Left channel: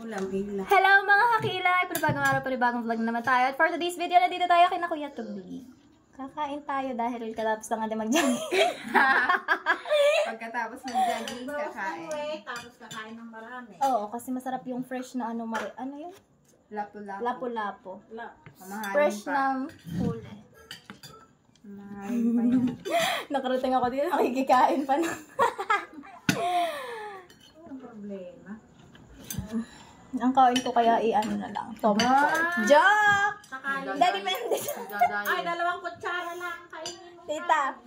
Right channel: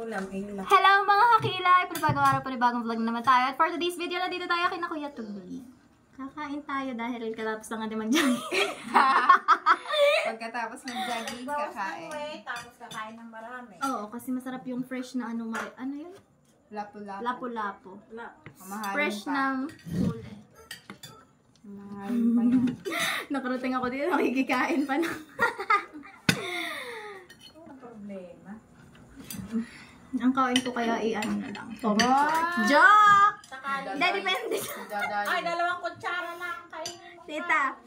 Hello mga kakilay! Panibagong araw, panibagong vlog naman tayo. At for today's video, nandito tayo kina Kuya Tugli. Kakain tayo dahil katapos lang natin mag-jogging. Pagkatapos mag-jogging, kakain. Tapos kakain ng marami. Oo, kasi masarap yung fresh na ano yun? Lapu-lapu. Lapu-lapu. Mamahalin Fresh pa. ng huli. Mamahalin pa yan. Nakarating ako dito, nakikikain pa na. Ang problema. Ang kain ko kaya i-ano na lang. Tommy pork. Joke! Hindi, depende. Ay, 2 kutsara lang kainin mo. Tita,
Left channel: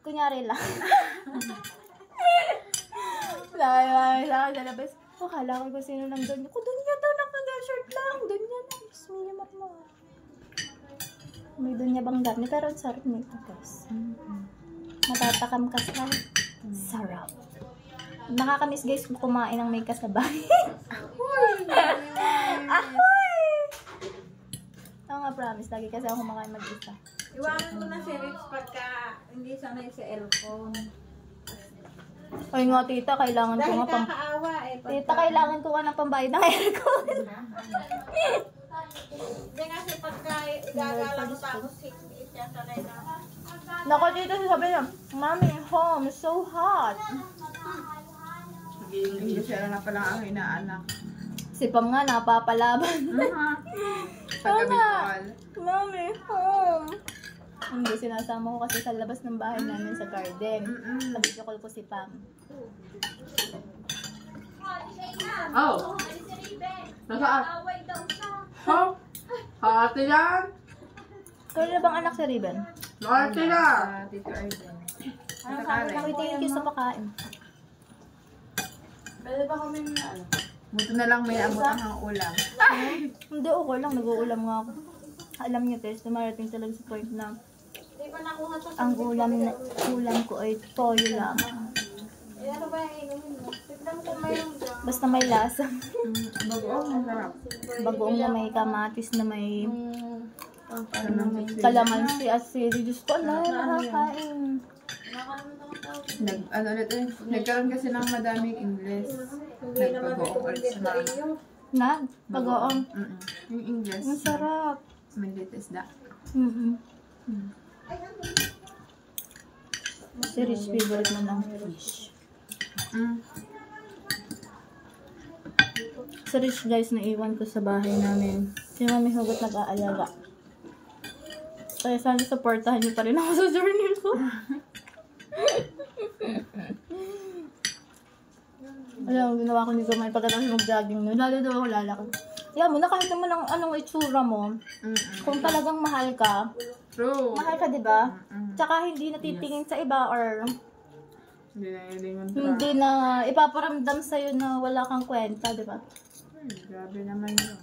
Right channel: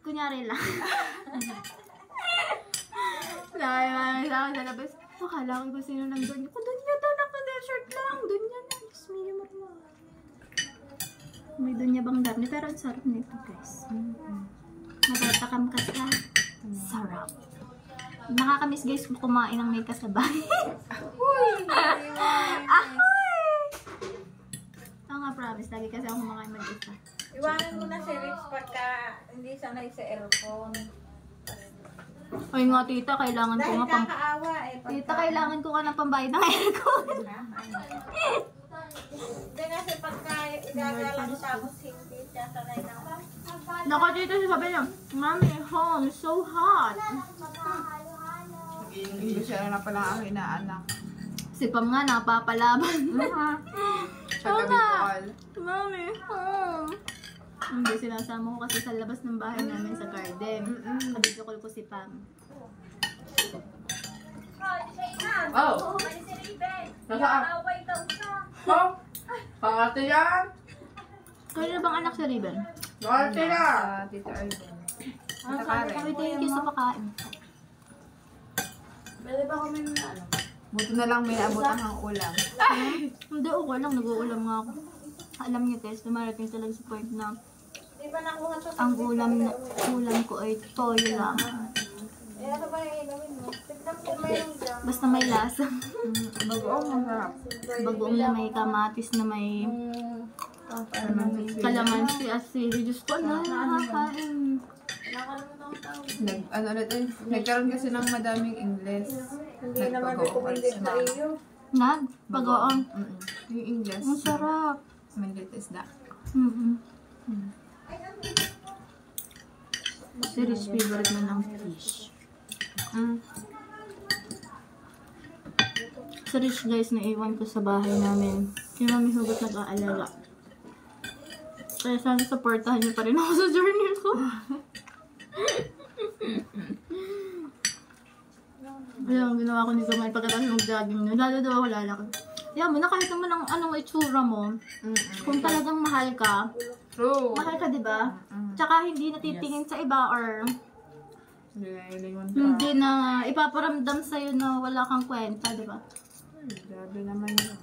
kunyari lang. Sabi sa akin sa labas, kala ko ba sino nang doon? Doon niya daw naka-shirt lang. Doon niya lang. Smiley matma. May doon niya bang dami. Pero ang sarap nito, guys. Matatakam ka sa sarap. Nakakamiss guys kung kumain ng may kasabay. Ahoy! Oo nga, promise. Lagi kasi ako kumakain mag-isa. Iwanan mo na si Rich pagka hindi sanay sa aircon. Ay nga, tita, kailangan ko Dahil nga pang... kakaawa eh. Tita, kailangan ko nga ng pambayad ng aircon. Hindi kasi pagka igagala mo tapos hindi siya sanay na. Nako, tita, sabi niya, Mommy, home, so hot. Nag-i-English siya na palang ang inaanak. Si Pam nga, napapalaban. Pagka-Bicol. Mommy, home. Hindi, sinasama ko kasi sa labas ng bahay namin sa garden. Kabidokol ko si Pam. Oh! Nasaan? Oh! Ate yan! Kaya na bang anak si Riven? Ate yan! Tito Arden. Ang sabi, thank you sa pakain. Pwede ba kami na ano? Buto na lang may abutan ng ulam. Hindi, okay lang. Nag-uulam nga ako. Alam niyo, Tess, dumarating talaga sa point na Di ba nakuha sa ang ulam ko ay toyo lang. Eh ano ba yung inumin mo? Tignan ko mayroon dyan. Basta may lasa. Bagoong masarap. Bagoong na may kamatis na may Kalamansi. kalamansi at sili. Diyos ko, nakakain. Ano ulit eh. Nagkaroon kasi ng madaming English. Hindi naman ito Nagbagoong ulit hindi sa sa mga. iyo. Bagoong. Yung English. Ang sarap. Manlit isda. Si Rich favorite mo ng fish. Si Rich guys, naiwan ko sa bahay namin. Si Mami Hugot nag-aalala. Kaya sana supportahan niyo pa rin ako sa journey ko. Alam, ang ginawa ko nito may pagkatapos mag-jogging nun. Lalo daw ako lalaki. Kaya mo na kahit naman ang anong itsura mo, kung talagang mahal ka, True. mahal ka, diba? Tsaka hindi natitingin sa iba or Hindi na ilingon pa. hindi na ipaparamdam sa'yo na wala kang kwenta, diba? Grabe naman yun.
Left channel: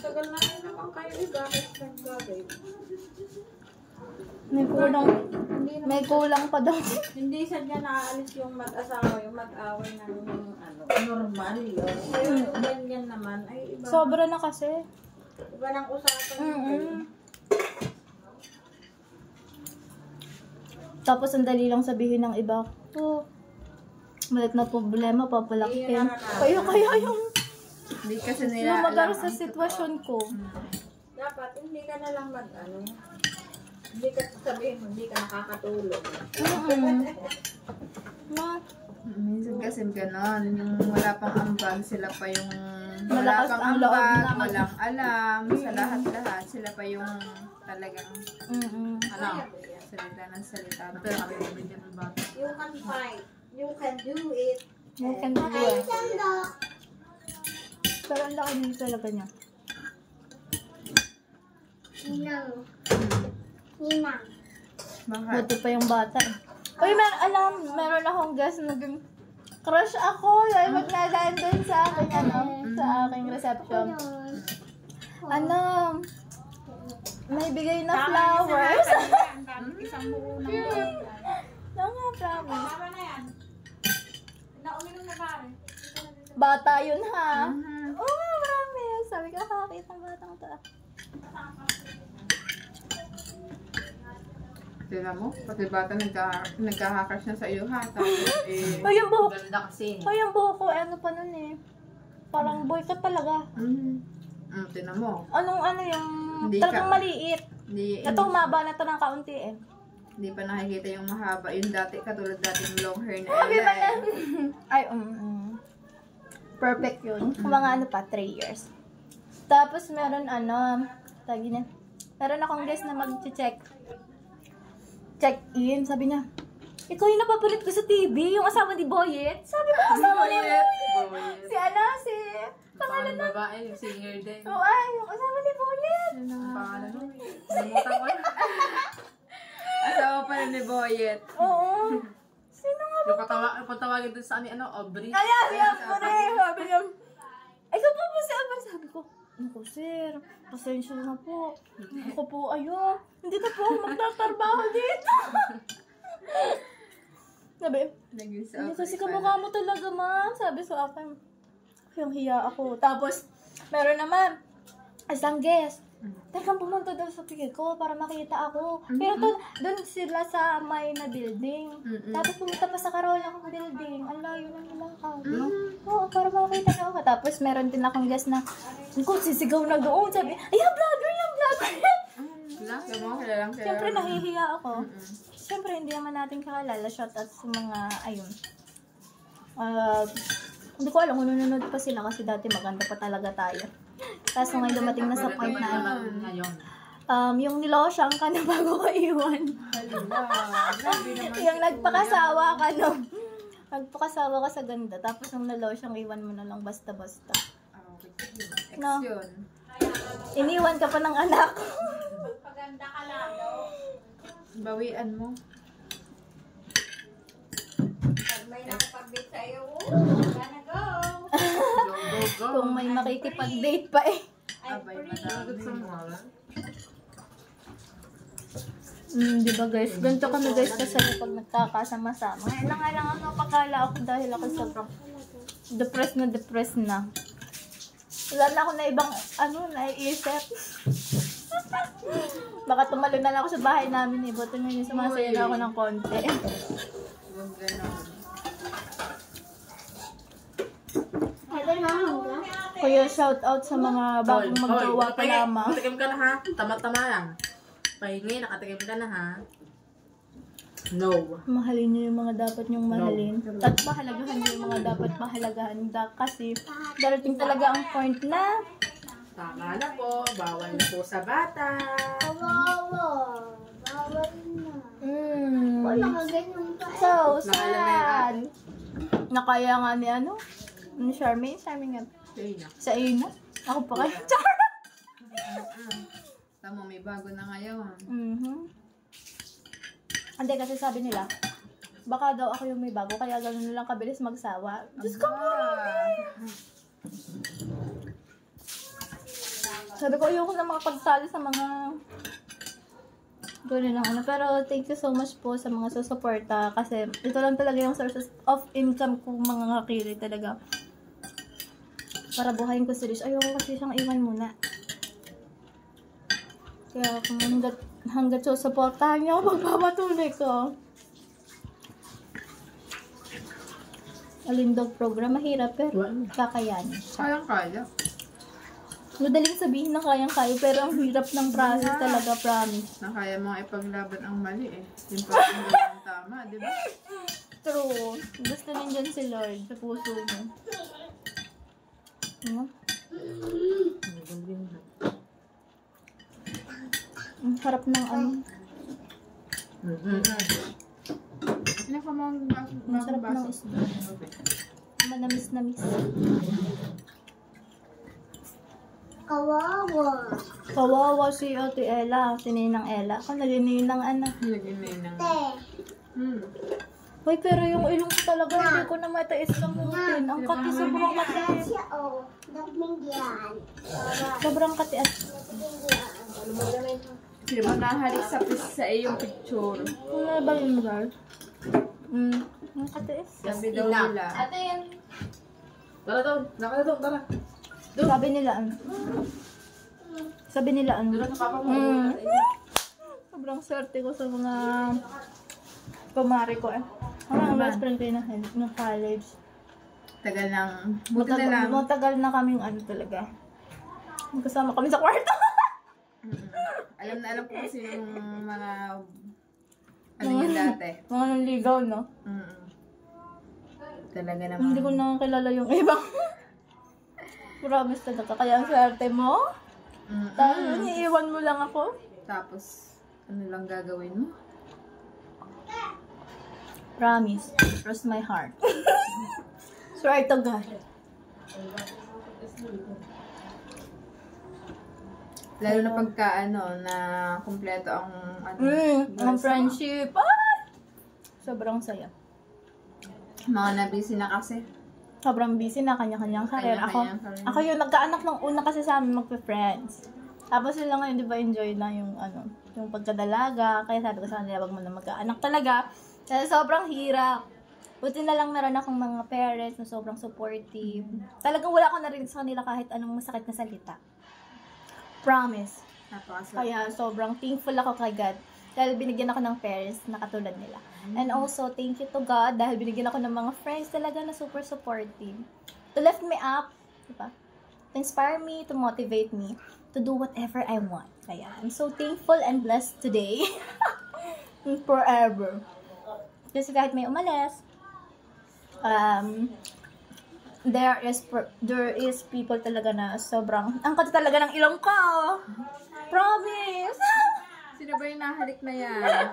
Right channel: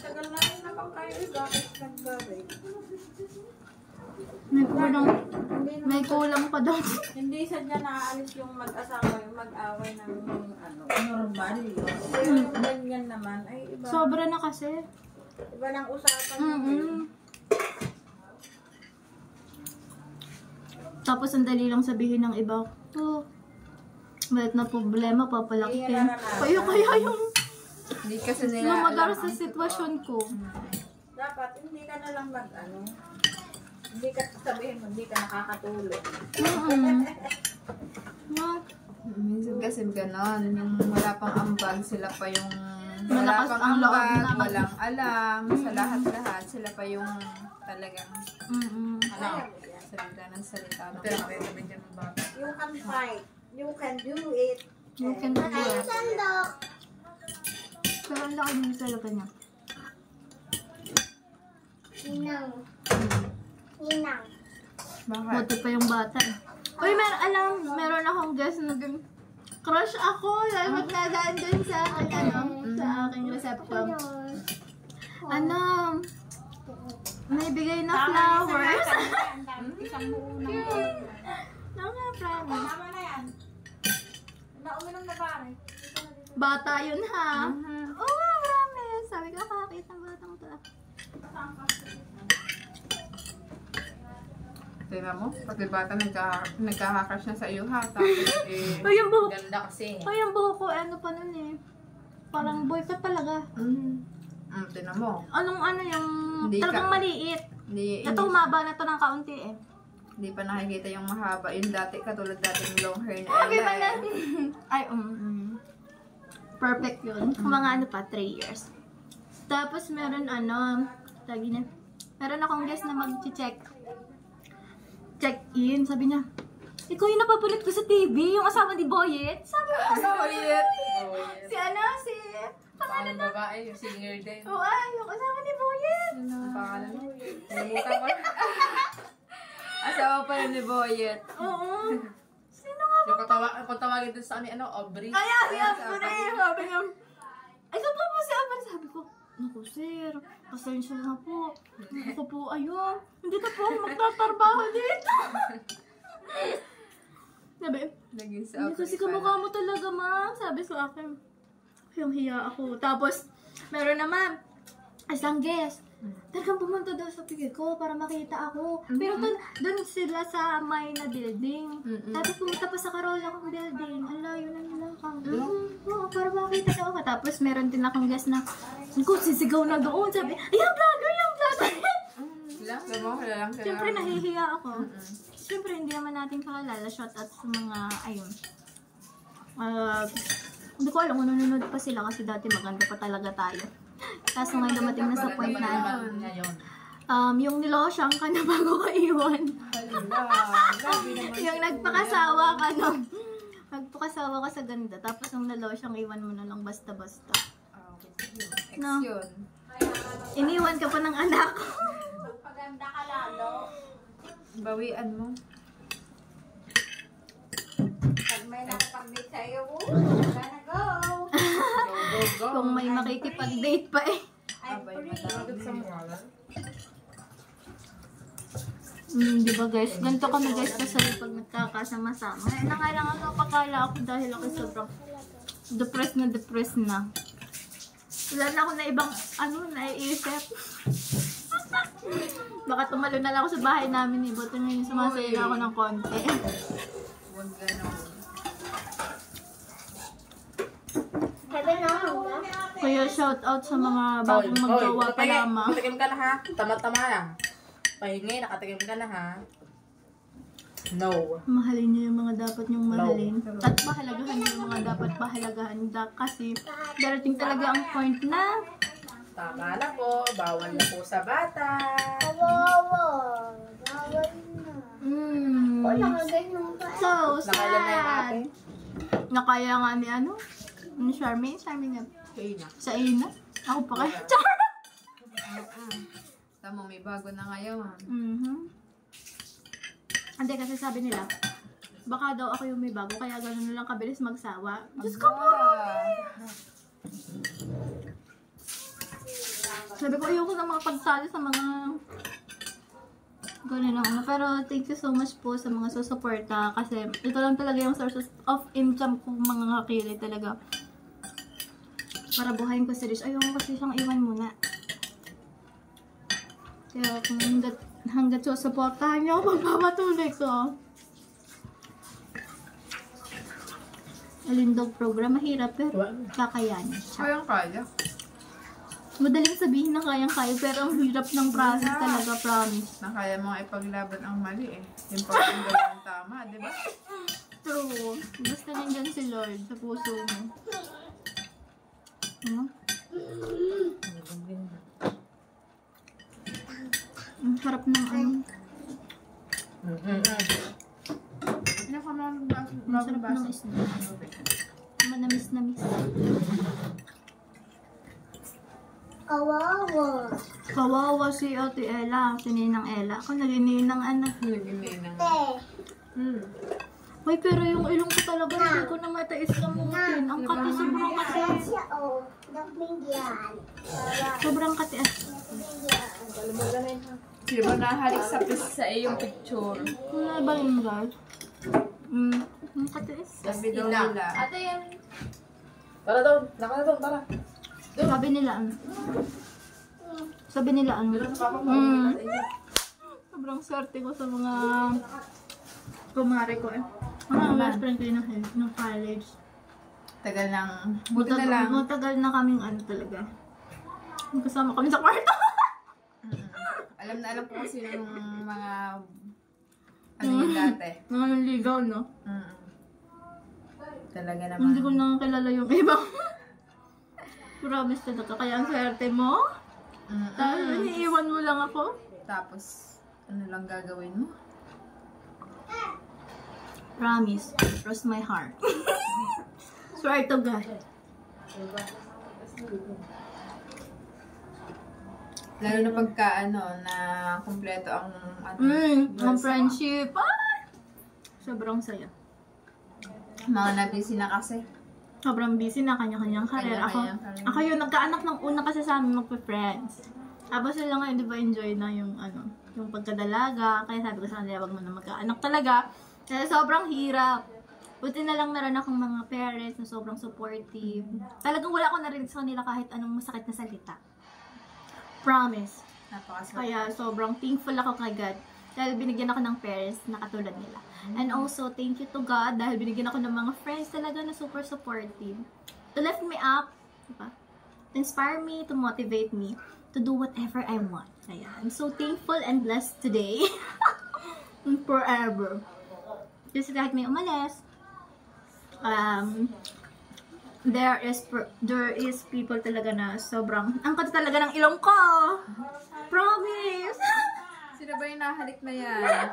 Tagal na rin naman kayo bakit nagbabay. May kulang pa daw. Hindi sadya naaalis yung mag-asawa, yung mag-away ng ano, normal yun. Yung ganyan naman, ay iba. Sobra na kasi. Iba ng usapan. Tapos ang dali lang sabihin ng iba, malit na problema, papalakihin. Kaya yung Hindi kasi nila lumagar alam sa ang sitwasyon ko. Dapat hindi ka na lang mag-ano. Hindi ka sabihin mo, hindi ka nakakatulog. Minsan kasi gano'n, yung wala pang ambag, sila pa yung wala Malakas pang ang loob ambag, naman. walang alam, sa lahat-lahat, sila pa yung talagang salita ng salita. You can fight. You can do it. You can do it. Pero ang laki nyo talaga niya. Ninang. Bakit? Buti pa yung bata. Uy, meron akong guest na naging crush ako. Dahil magkadaan dun sa aking, sa aking reception. May bigay na flowers. Isang buo na. No nga, promise. Tama na yan. Nauminom na ba? Bata yun ha. Oo nga, promise. Sabi ko, kakakita ng batang to. Tignan mo, pati bata nagkakakas na sa iyo ha. Tapos Ay, yung buhok. Ganda kasi. Ay, yung buhok ko, ano pa nun eh. Parang boy ka talaga. Tinan mo. Anong ano yung Hindi talagang ka- maliit. Hindi, Ito humaba na to ng kaunti eh. hindi pa nakikita yung mahaba. Yung dati, katulad dating long hair na Sabi Ella pa na. eh. Ay, perfect yun. Mga ano pa, 3 years. Tapos meron ano, tagi na. Meron akong guest na mag-check. Check in. Sabi niya, ikaw yung napapalit ko sa TV, yung asawa ni Boyet. Sabi ko, asawa ni Boyet. Si ano, si... Pangalan na. Babae, singer din. Oo, ay, yung asawa ni Boyet. Pangalan mo. Namutan ko. Asawa pa rin ni Boyet. Oo. Sino nga ba? Kung tawagin dun sa ano, Aubrey. Kaya, siya po na eh. Sabi niya, ay, saan po si Amber? Sabi ko, naku, sir, pasensya na po. Ako po, ayun. Hindi na po ako magtatrabaho dito. Sabi, Naging sa hindi kasi kamukha mo talaga, ma'am. Sabi sa akin, yung hiya ako. Tapos, meron naman, isang guest. Talagang pumunta daw sa pigil ko para makita ako. Pero doon sila sa may na building. Tapos pumunta pa sa Carola ko building. Ang layo na nila ako. Oo, para makita daw ako. Tapos meron din akong guest na, kung sisigaw na doon. Sabi, ay, yung vlogger, yung vlogger. Kilalang kaya. Siyempre, nahihiya ako. Siyempre, hindi naman natin kakilala. Shout out sa mga, ayun. Hindi ko alam kung nanonood pa sila kasi dati maganda pa talaga tayo. Kaso ngayon dumating na sa point na yung nilosyang ka na bago ko iwan. Yung nagpakasawa ka no. Nagpakasawa ka sa ganda. Tapos nung nilosyang iwan mo na lang basta-basta. No. Iniwan ka pa ng anak ko. Paganda ka lalo. Bawian mo. Pag may nakapag-date sa'yo, gonna go. Kung may makikipag-date pa eh. Abay, madami. Di ba guys? Ganito kami guys kasi pag nagkakasama-sama. Ngayon na nga lang ako pakala ako dahil ako sobrang depressed na. Wala na ako na ibang naiisip. Baka tumalo na lang ako sa bahay namin eh. Buto na yung sumasaya na ako ng konti. Huwag ganon. Kaya shout out sa mga bagong magjowa pa lamang. Nakatikim ka na ha? Tama-tama lang. Pahingi, nakatikim ka na ha? No. Mahalin niyo yung mga dapat niyong mahalin. At pahalagahan niyo yung mga dapat pahalagahan. Kasi darating talaga ang point na Tama na po. Bawal na po sa bata. So Nakailan na yung sad. Nakaya nga ni ni Charmaine. Charmaine nga. Ayun na. Sa Ina. Ako pa kaya. Tama, may bago na ngayon. Hindi kasi sabi nila, baka daw ako yung may bago, kaya gano'n lang kabilis magsawa. Diyos ko po! Sabi ko, ayoko na makapagtalo sa mga gano'n lang Pero thank you so much po sa mga susuporta kasi ito lang talaga yung sources of income ko mga kakili talaga. Para buhayin ko si Rish. Ayoko kasi siyang iwan muna. Kaya kung hanggat susuportahan niyo ako, magpapatuloy ko. Alindog program, mahirap pero kakayanin. Kayang-kaya. Madaling sabihin na kayang-kaya pero ang hirap ng process talaga, promise. Na kaya mo ipaglaban ang mali eh. Important gawin ang tama, di ba? True. Gusto nandyan si Lord sa puso mo. Ang harap ng Ano ka mga ang sarap ng isda. Manamis-namis. Kawawa si Ate Ella, si Ninang Ella. Ako naging Ninang Naging ng... Uy, pero yung ilong ko talaga, hindi ko na matais kamutin. Ang kati, sobrang kati. Sobrang kati. Di ba nahalik sa iyong picture? Wala ba yung guard? Ang katiis. Sabi daw nila. Tara daw. Tara. Sabi nila sobrang swerte ko sa mga pamari ko eh. Mga best friend ko ng college. Tagal ng, buti na lang. Matagal na kaming ano talaga. Magkasama kami sa kwarto. Alam na alam ko kasi yung mga, ano yun dati. Mga nanligaw, no? Talaga naman. Hindi ko nakakilala yung ibang. Promise talaga. Kaya ang swerte mo. Tapos iniiwan mo lang ako. Tapos, ano lang gagawin mo? Promise. Cross my heart. Swear to God. Lalo na pagka, ano, na kumpleto ang, ano, Ang friendship. Ay! Sobrang saya. Mga na-busy na kasi. Sobrang busy na kanya-kanyang karir. Kanya-kanyang career. Ako yung nagkaanak ng una kasi sa amin magpa-friends. Tapos sila ngayon, di ba, enjoy na yung, ano, yung pagkadalaga. Kaya sabi ko sa kanila, wag mo na magkaanak talaga. Kasi sobrang hirap. Buti na lang naran akong mga parents na sobrang supportive. Talagang wala ko narinig sa kanila kahit anong masakit na salita. Promise. Kaya sobrang thankful ako kay God. Dahil binigyan ako ng parents na katulad nila. And also, thank you to God dahil binigyan ako ng mga friends talaga na super supportive. To lift me up, diba? To inspire me, to motivate me, to do whatever I want. Kaya, I'm so thankful and blessed today. And forever. Kasi kahit may umalis, there is people talaga na sobrang, ang kata talaga ng ilong ko. Promise! Sino ba yung nahalik na yan?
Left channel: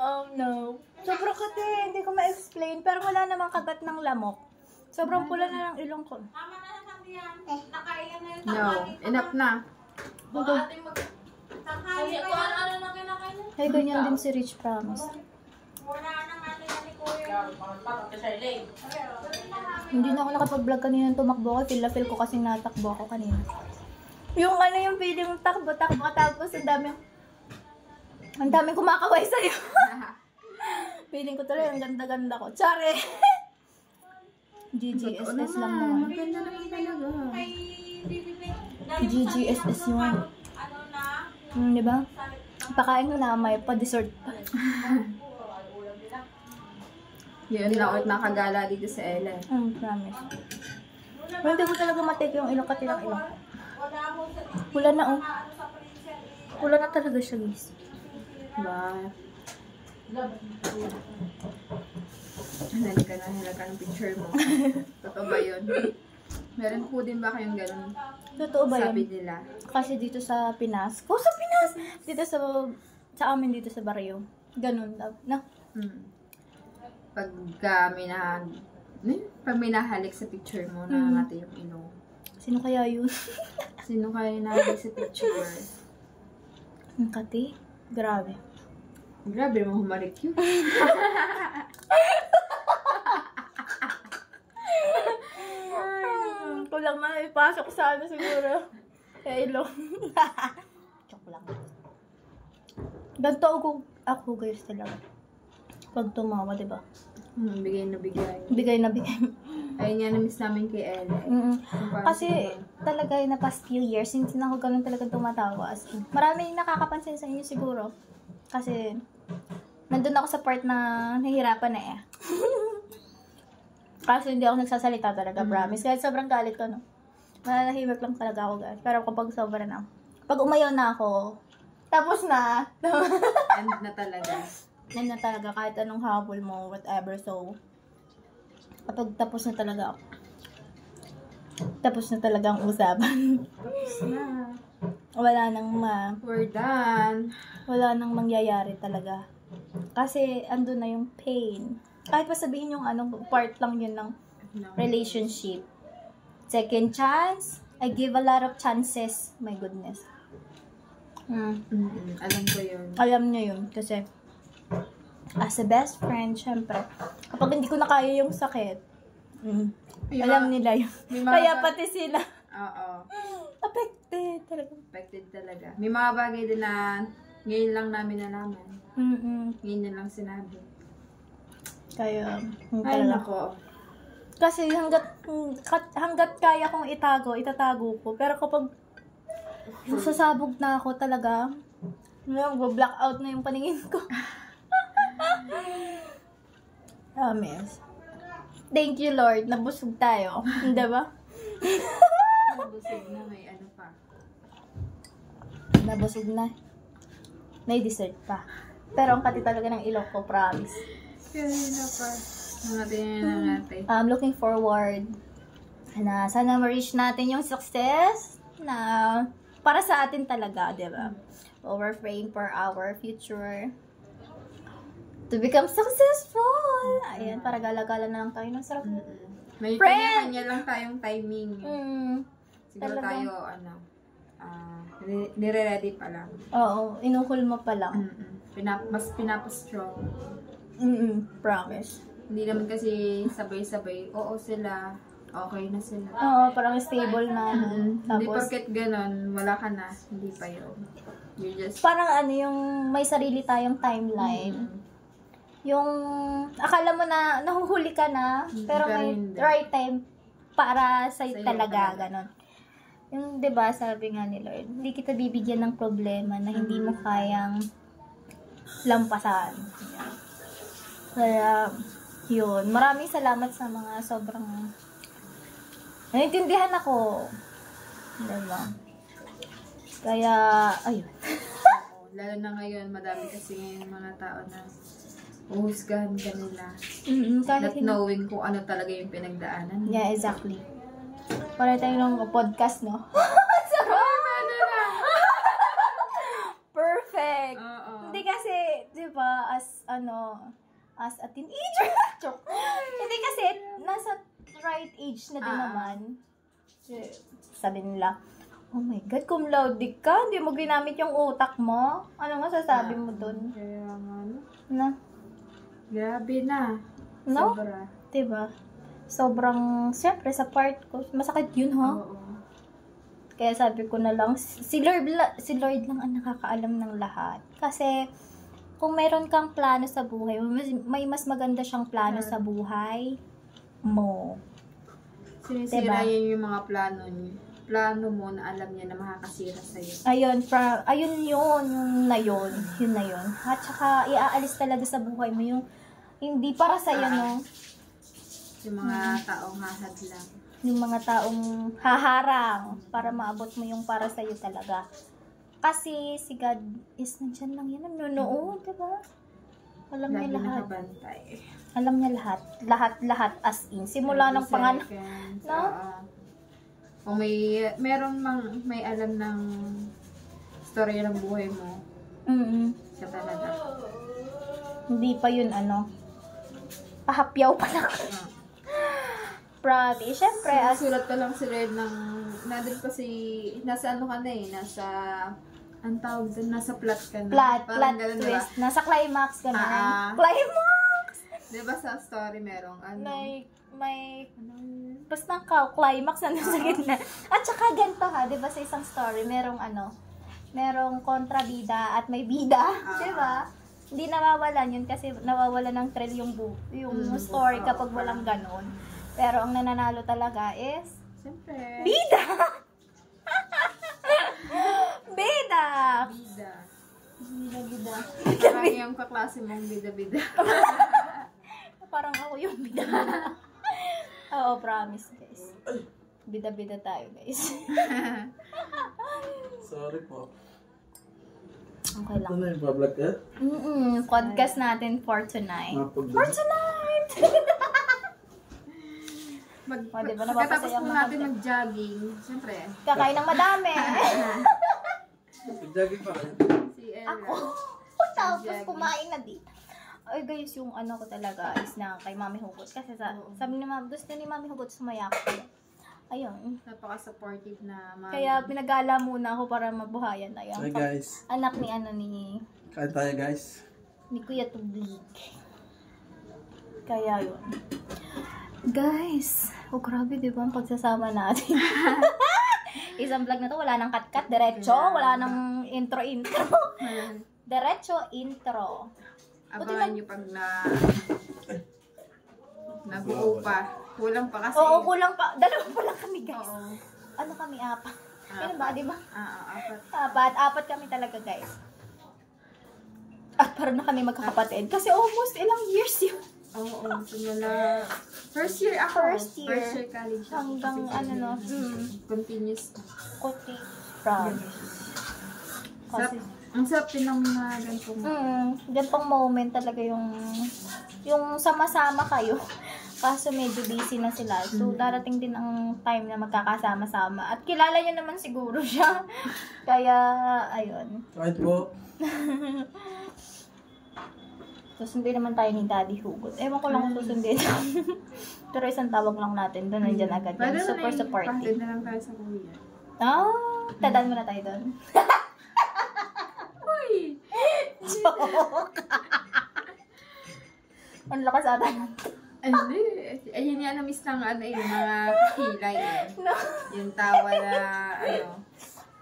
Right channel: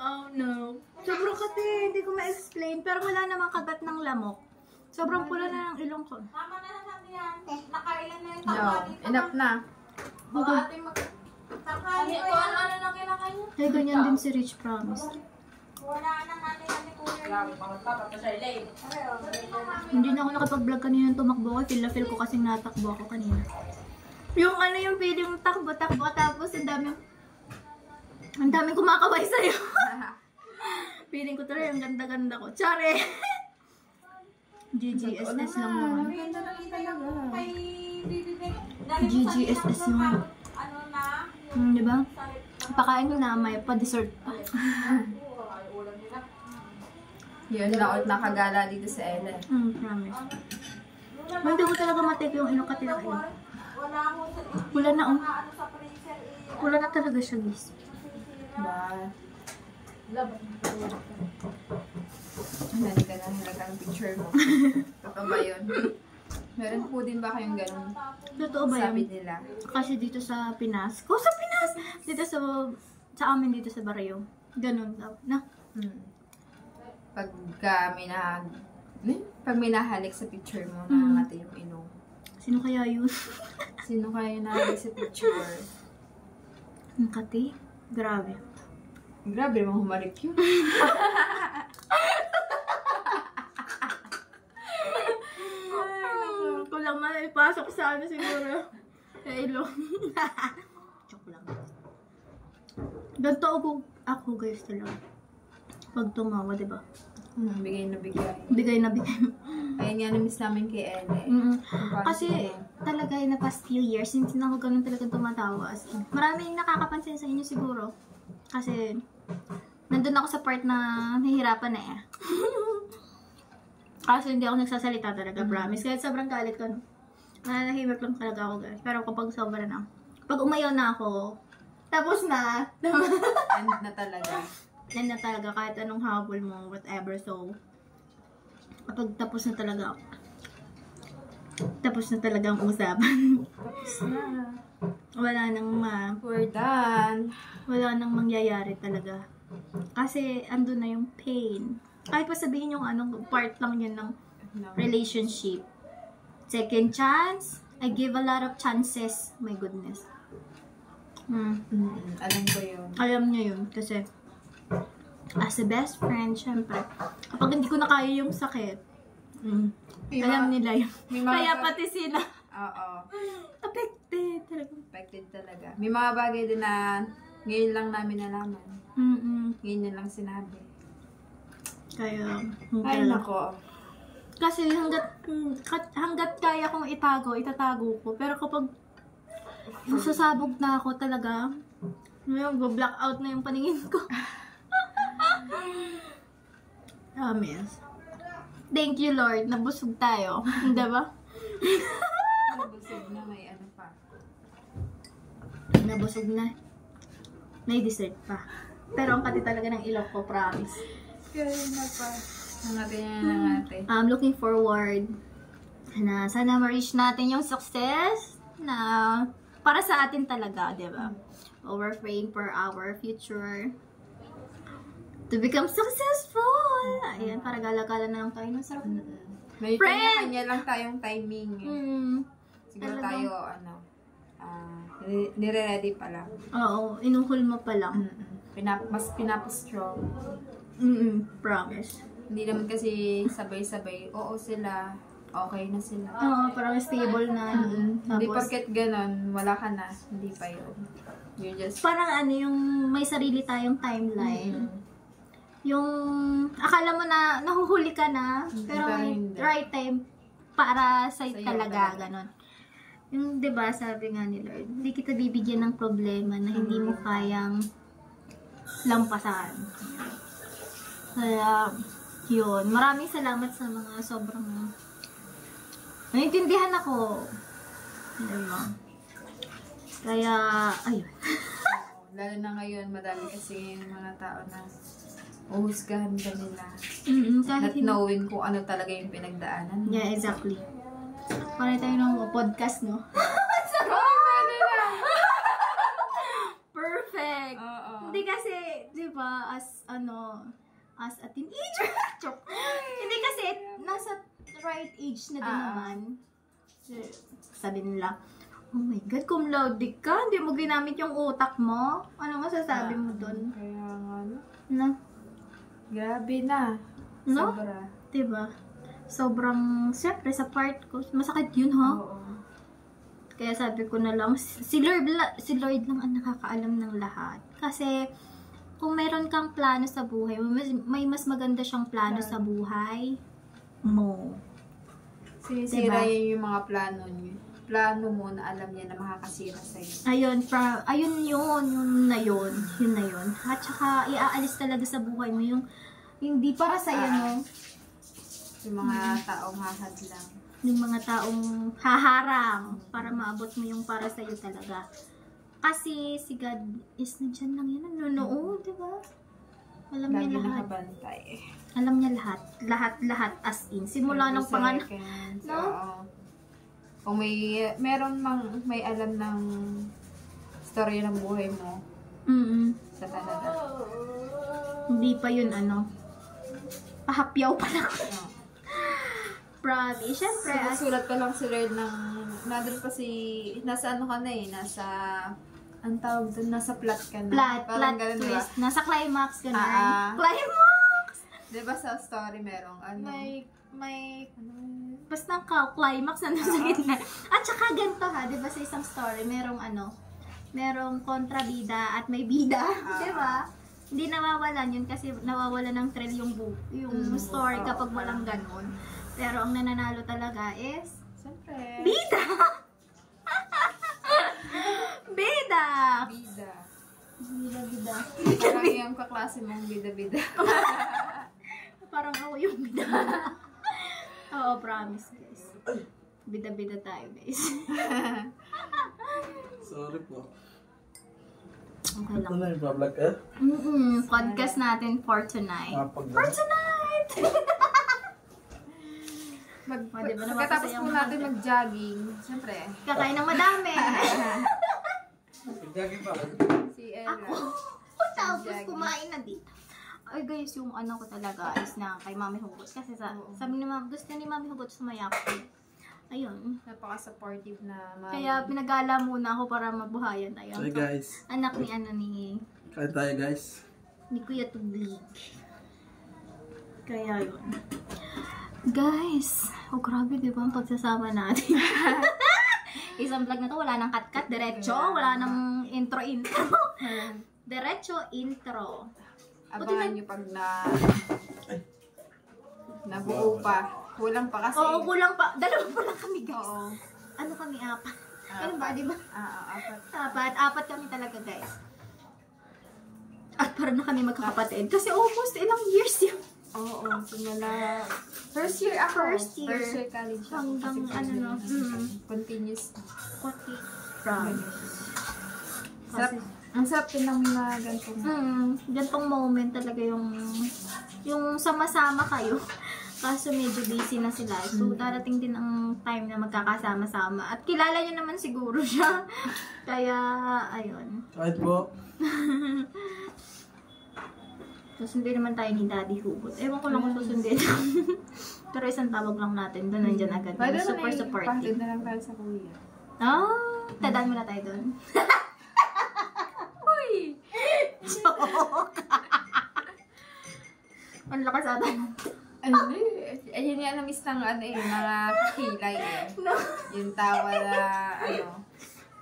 Oh no. Sobrang kati, hindi ko ma-explain. Pero wala namang kagat ng lamok. Sobrang pula na ng ilong ko. Tama na lang yan. Nakailan na yung No, enough na. Baka ating tanghali pa yan. Ano na kinakain niya? Ay, ganyan din si Rich, promise. Wala na natin ni Kuya. Hindi na ako nakapag-vlog kanina tumakbo ko. Feel ko kasing natakbo ako kanina. Yung ano yung feeling takbo-takbo tapos ang daming kumakaway sa'yo. Feeling ko talaga ang ganda-ganda ko. Tsare! GGSS lang naman. Ganda naman talaga. Kay Didi. GGSS naman. Ano na? Diba? Pakain mo na may pa-dessert pa. Yun lang ulit nakagala dito sa Ella. Promise. Hindi ko talaga matake yung ilong kati ng ilong. Wala mo sa Wala na oh. ano sa freezer. Wala na talaga siya, guys. Ba? Nalika na nila ka ng picture mo. Totoo ba yun? Meron po din ba kayong ganun? Totoo ba Sabi yan? nila. Kasi dito sa Pinas. Sa Pinas! Dito sa amin dito sa Barrio. Ganun daw. Na? Pag minahalik sa picture mo, nangangati yung ilong. Sino kaya yun? Sino kayo nahalik sa picture? Ang kati? Grabe. Grabe naman humalik yun. Kulang man ipasok sa ano siguro. Sa ilong. Joke lang. Ganto ako guys talaga. Pag tumawa, diba? Bigay na bigay. Bigay na bigay. Ayun nga, na-miss namin kay Ella. Kasi talaga na past few years, hindi na ako ganun talaga tumatawa. As in, maraming nakakapansin sa inyo siguro. Kasi nandun ako sa part na nahihirapan na eh. Kasi hindi ako nagsasalita talaga, promise. Kahit sobrang galit ko, no? Nananahimik lang talaga ako, guys. Pero kapag sobra na, pag umayaw na ako, tapos na. End na talaga. Yan na talaga, kahit anong habol mo, whatever. So, kapag tapos na talaga ako, tapos na talaga ang usapan. Tapos na. Wala nang We're done. wala nang mangyayari talaga. Kasi, andun na yung pain. Kahit pa sabihin yung part lang yun ng relationship. Second chance, I give a lot of chances. My goodness. Alam ko yun. Alam niya yun. Kasi, as a best friend, syempre, kapag hindi ko na kaya yung sakit, alam nila yun. Kaya pati sila, Oo. affected talaga. Affected talaga. May mga bagay din na ngayon lang namin nalaman. Ngayon yun lang sinabi. Kaya, Ay, talaga. nako. Kasi hanggat kaya kong itatago ko. Pero kapag sasabog na ako talaga, mag-black out na yung paningin ko. Promise. Thank you, Lord. Nabusog tayo. Hindi ba? Busog na may ano pa. Nabusog na. May dessert pa. Pero ang kati talaga ng ilok ko, promise. Kaya na pa. Nangatin. I'm looking forward na sana ma-reach natin yung success na para sa atin talaga, di ba? We're praying for our future to become successful. Ayan, para gala-gala na lang tayo. Ang sarap. May Friend! kanya-kanya lang tayong timing. Siguro Talaga? tayo, nire-ready pa lang. Oo, inuhol mo pa lang. Mas pinapastrong. Promise. Hindi naman kasi sabay-sabay. Oo sila. Okay na sila. Oo, parang stable na. Hindi Tapos, porket ganun, wala ka na. Hindi pa yun. You just... parang ano yung may sarili tayong timeline. Yung akala mo na nahuhuli ka na, pero pero may hindi. right time para sa'yo Sa'yo talaga, talaga. ganon. Yung 'di ba sabi nga ni Lord, hindi kita bibigyan ng problema na hindi mo kayang lampasan. Kaya, yun. Maraming salamat sa mga sobrang naiintindihan ako. Diba? Kaya, ayun. Oo, lalo na ngayon, madami kasi mga tao na uhusgahan ka nila. Kahit Not knowing kung ano talaga yung pinagdaanan. Yeah, exactly. Wala tayo ng podcast, no? Perfect! Oo. Hindi kasi, di ba, as a teenager, joke. Hindi kasi, nasa right age na din naman. Sabi nila, oh my God, cum laude ka, hindi mo ginamit yung utak mo. Ano masasabi mo dun? Kaya nga, no? Na? Grabe na. No? Sobra. Diba? Sobrang, siyempre, sa part ko, masakit yun, ha? Oo. Kaya sabi ko na lang, si Lord lang ang nakakaalam ng lahat. Kasi, kung mayroon kang plano sa buhay, may mas maganda siyang plano sa buhay mo. Sinisira niya yung mga plano niya. Plano mo na alam niya na makakasira sa'yo. Ayun yun na yun. At saka, iaalis talaga sa buhay mo yung hindi para sa'yo, no? Yung mga taong hahad lang. Yung mga taong haharang para maabot mo yung para sa'yo talaga. Kasi si God is nandiyan lang yan, nanonood, diba? Alam Lagi niya lahat. nakabantay. Alam niya lahat. Lahat as in. Simula ng pangalan. No? Oo. Kung may alam ng storya ng buhay mo, siya talaga. Hindi pa yun pahapyaw pa lang. Promise. Siyempre, Sulat pa lang si Red ng, nandun pa nasa ano ka na nasa, ang tawag doon, nasa plot ka na. plot ganun, twist. diba? Nasa climax ka na. Climax! Diba sa story merong May basta climax na nasa gitna. At saka ganito ha, 'di ba sa isang story merong merong kontrabida at may bida, 'di ba? Hindi nawawalan yun kasi nawawalan ng thrill yung story kapag walang ganon. Pero ang nananalo talaga is siyempre bida. Bida. bida. Bida. Parang yung kaklase mong bida-bida. Parang ako yung bida. Oo, promise guys. Bida-bida tayo guys. Sorry po. Okay lang. Ano yung vlog ka? Podcast natin for tonight. For tonight! Diba, Pagkatapos napapasaya po mo natin natin. mag-jogging, siyempre, Kakain ng madami. Pag-jogging pa. si Ella. Tapos kumain na dito. Ay guys, yung ko talaga is na kay Mami Hugot. Kasi sabi ni Mami, gusto ni Mami Hugot sumaya ko. Ayun. Napaka-supportive na mami. Kaya pinagala muna ako para mabuhayan na Hey guys. anak ni Kain tayo guys. ni Kuya Tubig. Kaya yun. Guys, grabe diba ang pagsasama natin. Isang vlog na to, wala nang cut-cut, diretso, wala nang intro-intro. Diretso, intro. Abangan nyo pag nabuo pa. Kulang pa kasi. Oo, kulang pa. Dalawa pa lang kami, guys. Oo. Ano kami, apat? Ano ba, di ba? Apat. Apat kami talaga, guys. At parang na kami magkakapatid. Kasi almost ilang years yun. Oo, simula. First year ako. First year. First year college ako. Hanggang Kasi ano, no? Continuous. Kuti. Promise. Sarap. Ang sarap din ng mga ganitong. Gantong moment talaga yung sama-sama kayo. Kaso medyo busy na sila. So, darating din ang time na magkakasama-sama. At kilala nyo naman siguro siya. Kaya, ayun. Kahit po. Susundin naman tayo ni Daddy Hugot. Ewan ko lang kung susundin. Pero isang tawag lang natin. Doon nandyan agad. Pwede Super supportive. Pwede na lang tayo sa kuya. Tadaan mo na tayo doon. Uy! Joke! Ang lakas ata. Ayun yung miss ng mga kakilay eh. No. Yung tawa na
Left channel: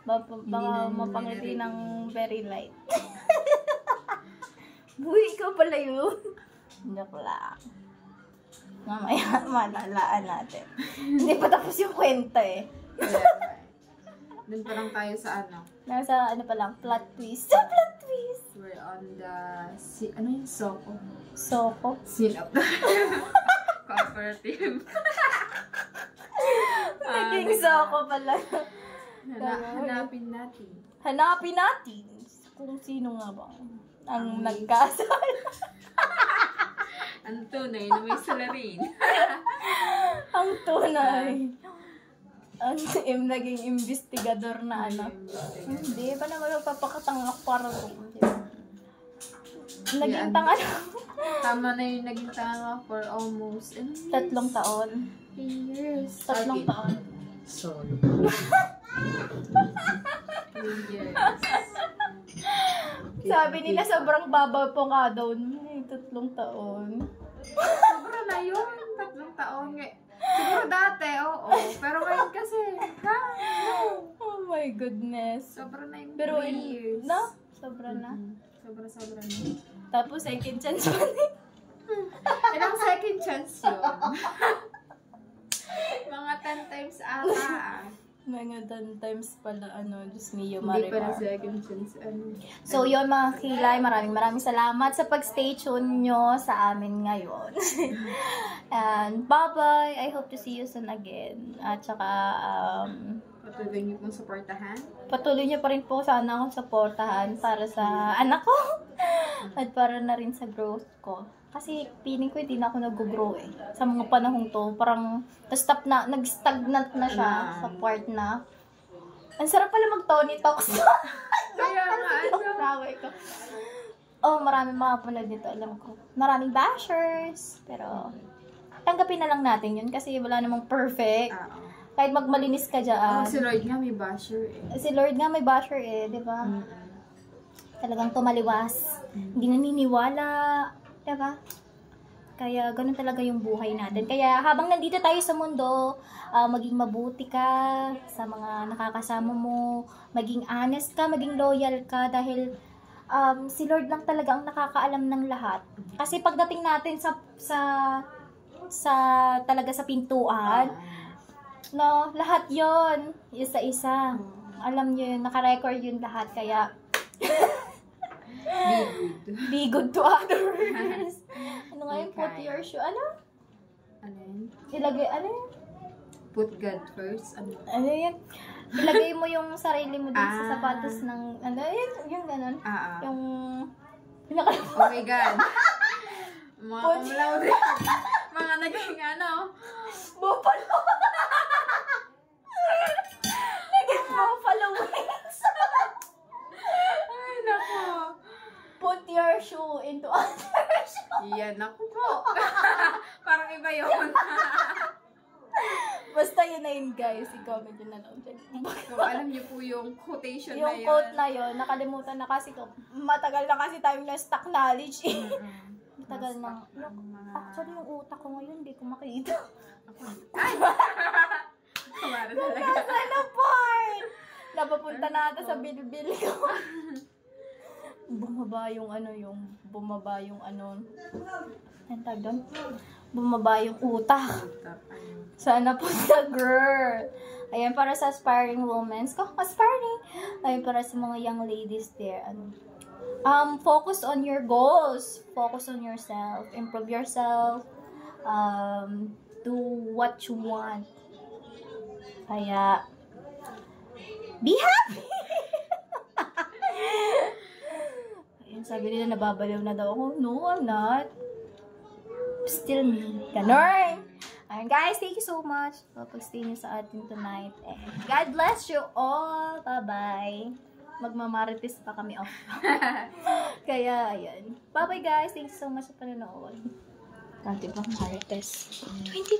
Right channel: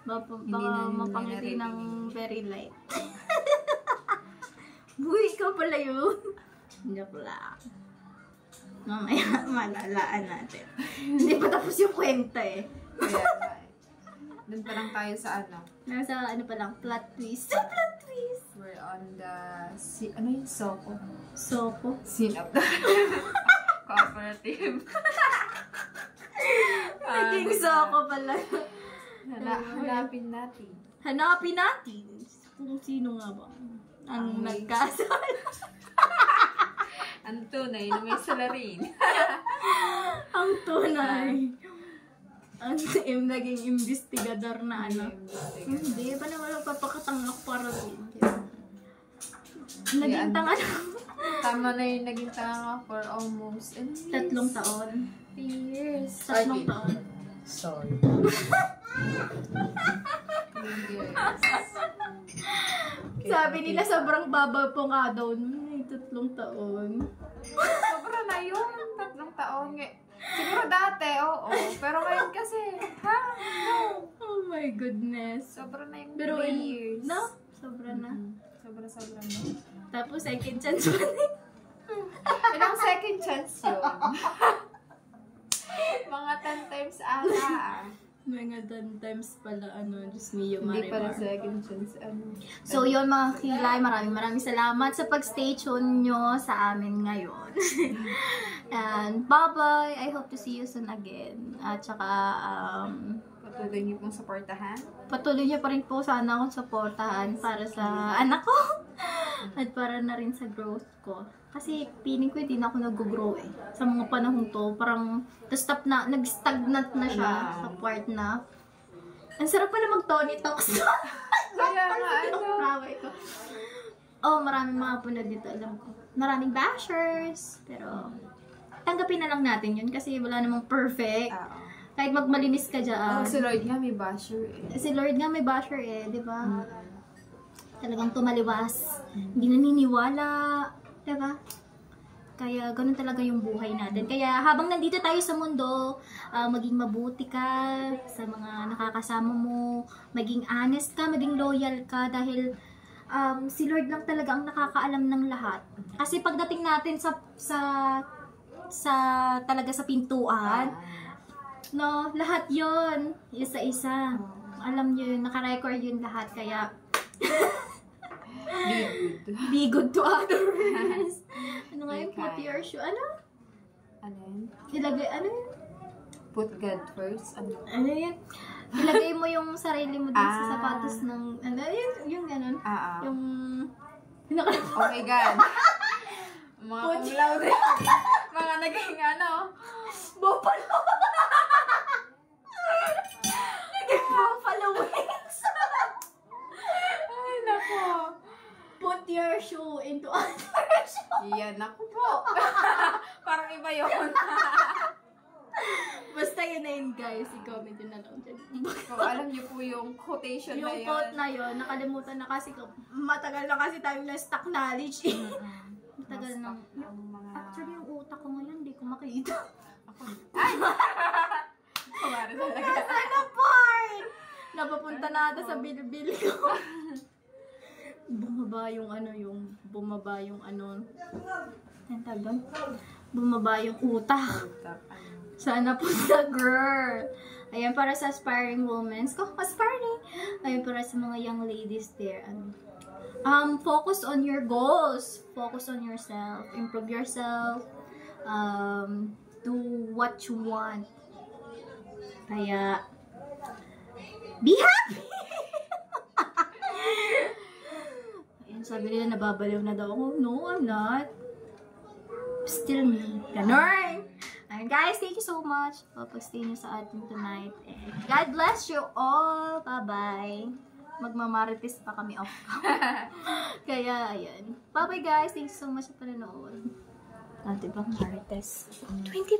Baka na mapangiti narinig. ng very light. Buhay ka pala yun. Joke lang. Mamaya, malalaan natin. Hindi pa tapos yung kwenta eh. Kaya doon pa lang tayo sa Nasa pa lang, plot twist. Sa plot twist! We're on the, Soko? Soko. Scene of the cooperative. Naging Soko pala. Hanapin natin. Hanapin natin kung sino nga ba ang nagkasal. Ang tunay na may salarin. Ang tunay. Ang naging investigador na Hindi, ba naman magpapakatangak para naging tanga na. Tama na yung naging tanga for almost 3 taon. 3 years. 3 taon. Sorry. 3 years. Sabi nila sobrang babaw po nga daw. 3 taon. Sobra na yun. 3 taon. Siguro dati, oo. Pero ngayon kasi, Oh my goodness. sobra na yung Pero 3 years. No? Sobra na. Sobra na. Tapos second chance pa rin. Ilang second chance yun? Mga 10 times ata. Mga 10 times pala, Diyos mio, Hindi pa na Marimar. second chance, So, yun mga kilay, maraming salamat sa pag-stay tuned nyo sa amin ngayon. And, bye-bye! I hope to see you soon again. At saka, Patuloy niyo pong supportahan. patuloy nyo pa rin po sana akong supportahan para sa anak ko. At para na rin sa growth ko. Kasi feeling ko hindi na ako nag-grow eh. Sa mga panahong to, parang nag-stagnant na siya sa part na. Ang sarap pala mag-Tony Talks. Kaya nga, Raway ko. Oh, maraming mga punod dito, alam ko. Maraming bashers. Pero, tanggapin na lang natin yun kasi wala namang perfect. Kahit magmalinis ka dyan. Si Lloyd nga may basher eh. Si Lord nga may basher eh, di ba? Talagang tumaliwas. Hindi naniniwala. Di ba? Kaya ganun talaga yung buhay natin. Kaya habang nandito tayo sa mundo, maging mabuti ka sa mga nakakasama mo, maging honest ka, maging loyal ka dahil si Lord lang talaga ang nakakaalam ng lahat. Kasi pagdating natin talaga sa pintuan, no, lahat yon isa-isa. Alam niyo yun, naka-record yun lahat. Kaya, be good to others. Ano nga yun? Put your shoe. Ano? Ano yun? Ilagay, ano yun? Put God first. Ano yun? Ilagay mo yung sarili mo din sa sapatos ng, ano yun? Yung gano'n. Yung, Oh my God. Mga kumlaw din. Mga naging buffalo. Naging buffalo wings. Ay, nako. Put your shoe into other shoe. Yan, ako po. Parang iba yun. Basta yun na yun, guys. I-comment yun na lang dyan. Kung alam niyo po yung quotation na Yung yun. quote na yun, nakalimutan na kasi ko. Matagal na kasi tayo na stock knowledge. Matagal na. Actually, yung utak ko ngayon, hindi ko makita. Ay! Kumara talaga. Nasaan na part? Napapunta na ata sa bilbil ko. Bumaba yung utak. Sana po sa girl. Ayan, para sa aspiring women. Aspiring! Ayan, para sa mga young ladies there. Focus on your goals. Focus on yourself. Improve yourself. Do what you want. Kaya, be happy! Ayun, sabi nila nababaliw na daw ako. No, I'm not. Still me. Ganon! Ayun, guys, thank you so much for pag-stay niyo sa atin tonight. And God bless you all. Bye-bye. Magmamarites pa kami off. Kaya, ayan. Bye-bye, guys. Thank you so much sa panonood. Dati ba marites? 20